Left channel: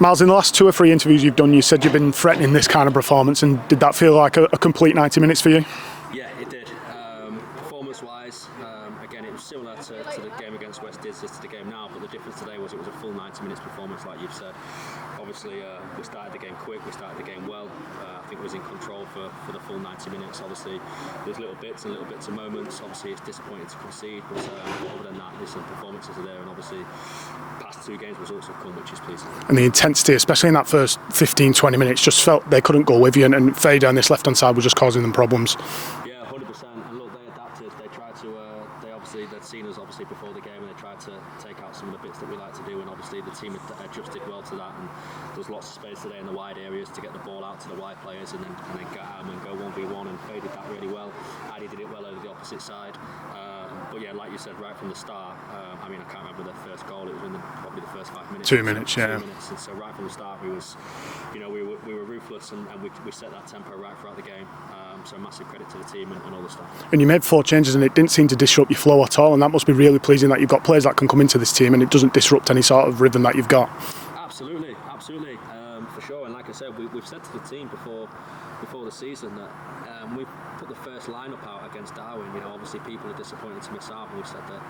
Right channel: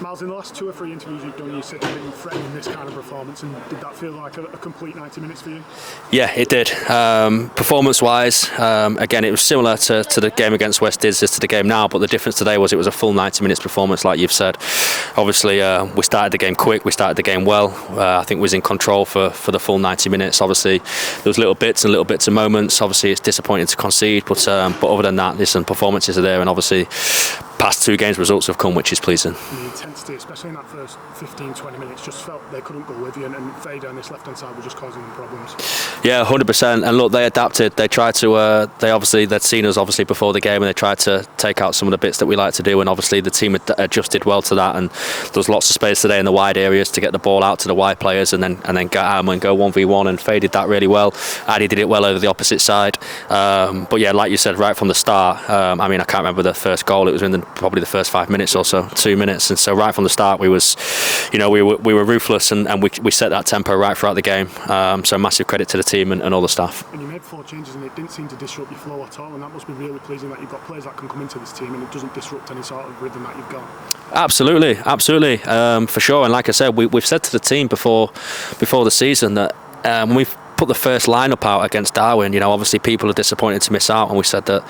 Miles, in the last 2 or 3 interviews you've done, you said you've been threatening this kind of performance, and did that feel like a complete 90 minutes for you? Yeah, it did. Performance-wise, again, it was similar to the game against West Dids as to the game now, but the difference today was it was a full 90 minutes performance, like you've said. Obviously, we started the game quick, we started the game well. I think we was in control for the full 90 minutes. Obviously, there was little bits of moments. Obviously, it's disappointing to concede, but other than that, listen, performances are there, and obviously, past 2 games results have come, which is pleasing. And the intensity, especially in that first 15-20 minutes, just felt they couldn't go with you, and Faye down this left-hand side was just causing them problems. Yeah, 100%. And look, they adapted. They tried to. They'd seen us obviously before the game, and they tried to take out some of the bits that we like to do. And obviously, the team adjusted well to that. And there was lots of space today in the wide areas to get the ball out to the wide players, and then get at them and go 1v1. And Faye did that really well. Addy did it well over the opposite side. But yeah, like you said, right from the start. I mean, I can't remember the first goal. It was in probably the first 5 minutes or so, 2 minutes. And so right from the start, we were ruthless, and we set that tempo right throughout the game. So massive credit to the team and all the staff. And you made 4 changes, and it didn't seem to disrupt your flow at all. And that must be really pleasing that you've got players that can come into this team, and it doesn't disrupt any sort of rhythm that you've got. Absolutely, for sure. And like I said, we've said to the team before the season that when we've put the first lineup out against Darwin, obviously people are disappointed to miss out, and we said that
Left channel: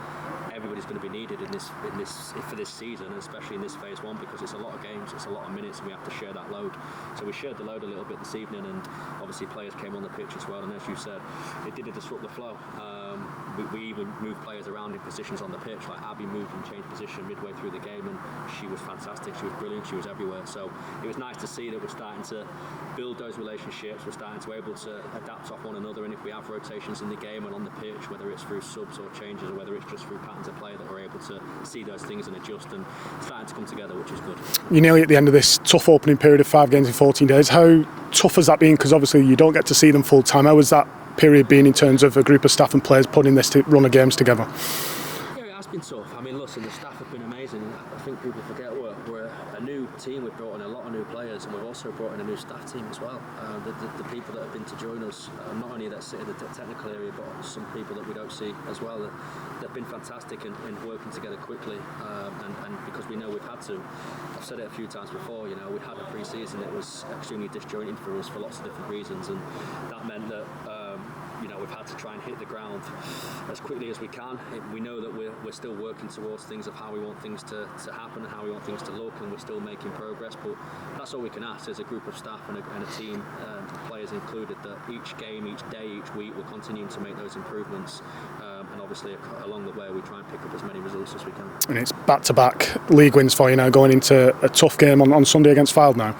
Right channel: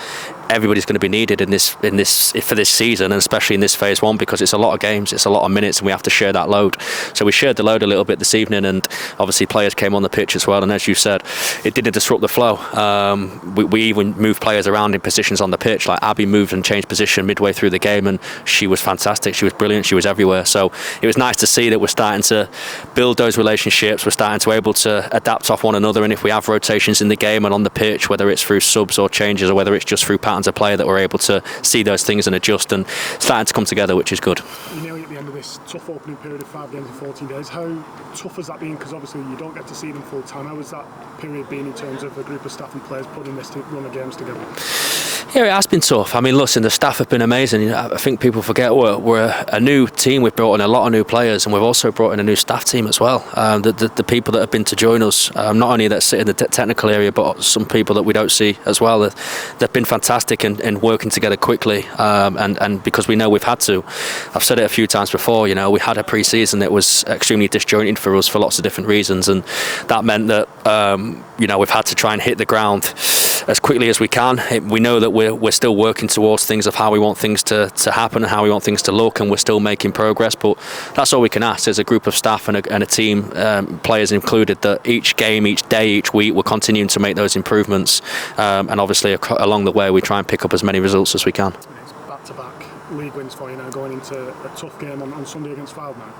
everybody's going to be needed in this for this season, and especially in this phase 1, because it's a lot of games, it's a lot of minutes, and we have to share that load. So we shared the load a little bit this evening, and obviously players came on the pitch as well. And as you said, it didn't disrupt the flow. We even moved players around in positions on the pitch. Like Abby moved and changed position midway through the game, and she was fantastic. She was brilliant. She was everywhere. So it was nice to see that we're starting to build those relationships. We're starting to able to adapt off one another, and if we have rotations in the game and on the pitch, whether it's through subs or changes, or whether it's just through patterns of play, that we're able to see those things and adjust, and starting to come together, which is good. You're nearly at the end of this tough opening period of 5 games in 14 days. How tough has that been? Because obviously you don't get to see them full time. How has that period been in terms of a group of staff and players putting this run of games together? Yeah, it has been tough. I mean, listen, the staff have been amazing. I think people forget we're a new team. We've brought in a lot of new players, and we've also brought in a new staff team as well. The people that have been to join us, not only that sit in the technical area, but some people that we don't see as well. They've been fantastic in working together quickly, and because we know we've had to. I've said it a few times before. We had a pre-season that was extremely disjointed for us for lots of different reasons, and that meant that we've had to try and hit the ground as quickly as we can. We know that we're still working towards things of how we want things to happen and how we want things to look, and we're still making progress, but that's all we can ask as a group of staff and a team, players included, that each game, each day, each week we're continuing to make those improvements, and obviously along the way we try and pick up as many results as we can. And it's back-to-back league wins for you now, going into a tough game on Sunday against Fylde now.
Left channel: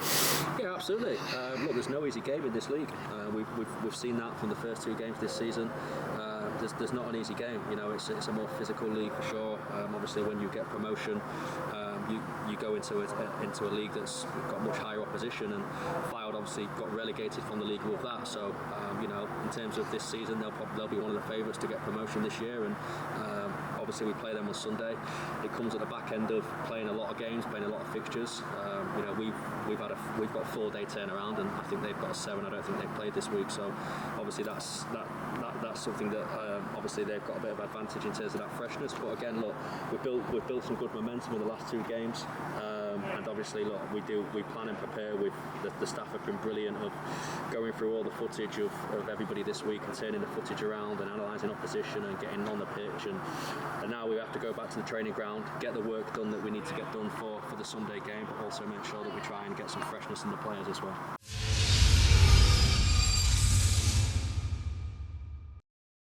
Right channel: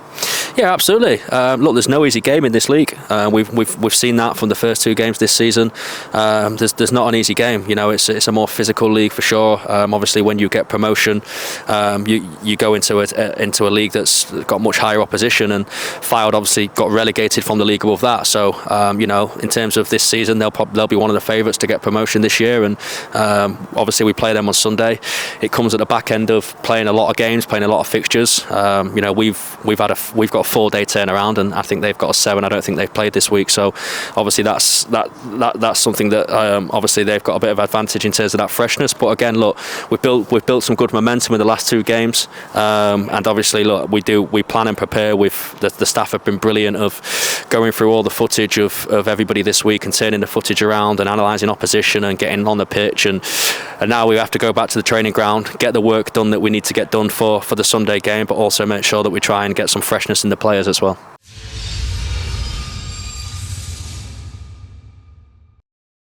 Yeah, absolutely. Look, there's no easy game in this league. We've seen that from the first 2 games this season. There's not an easy game. It's a more physical league for sure. Obviously, when you get promotion, you go into a league that's got much higher opposition, and Fylde obviously got relegated from the league above that. So in terms of this season, they'll be one of the favourites to get promotion this year, and obviously we play them on Sunday. It comes at the back end of playing a lot of games, playing a lot of fixtures. We've got a 4-day turnaround, and I think they've got a 7. I don't think they've played this week, so obviously that's something that obviously they've got a bit of advantage in terms of that freshness. But again, look, we've built some good momentum in the last 2 games, and obviously, look, we plan and prepare. The staff have been brilliant of going through all the footage of everybody this week and turning the footage around and analysing opposition and getting on the pitch, and now we have to go back to the training ground, get the work done that we need to get done for the Sunday game, but also make sure that we try and get some freshness in the players as well.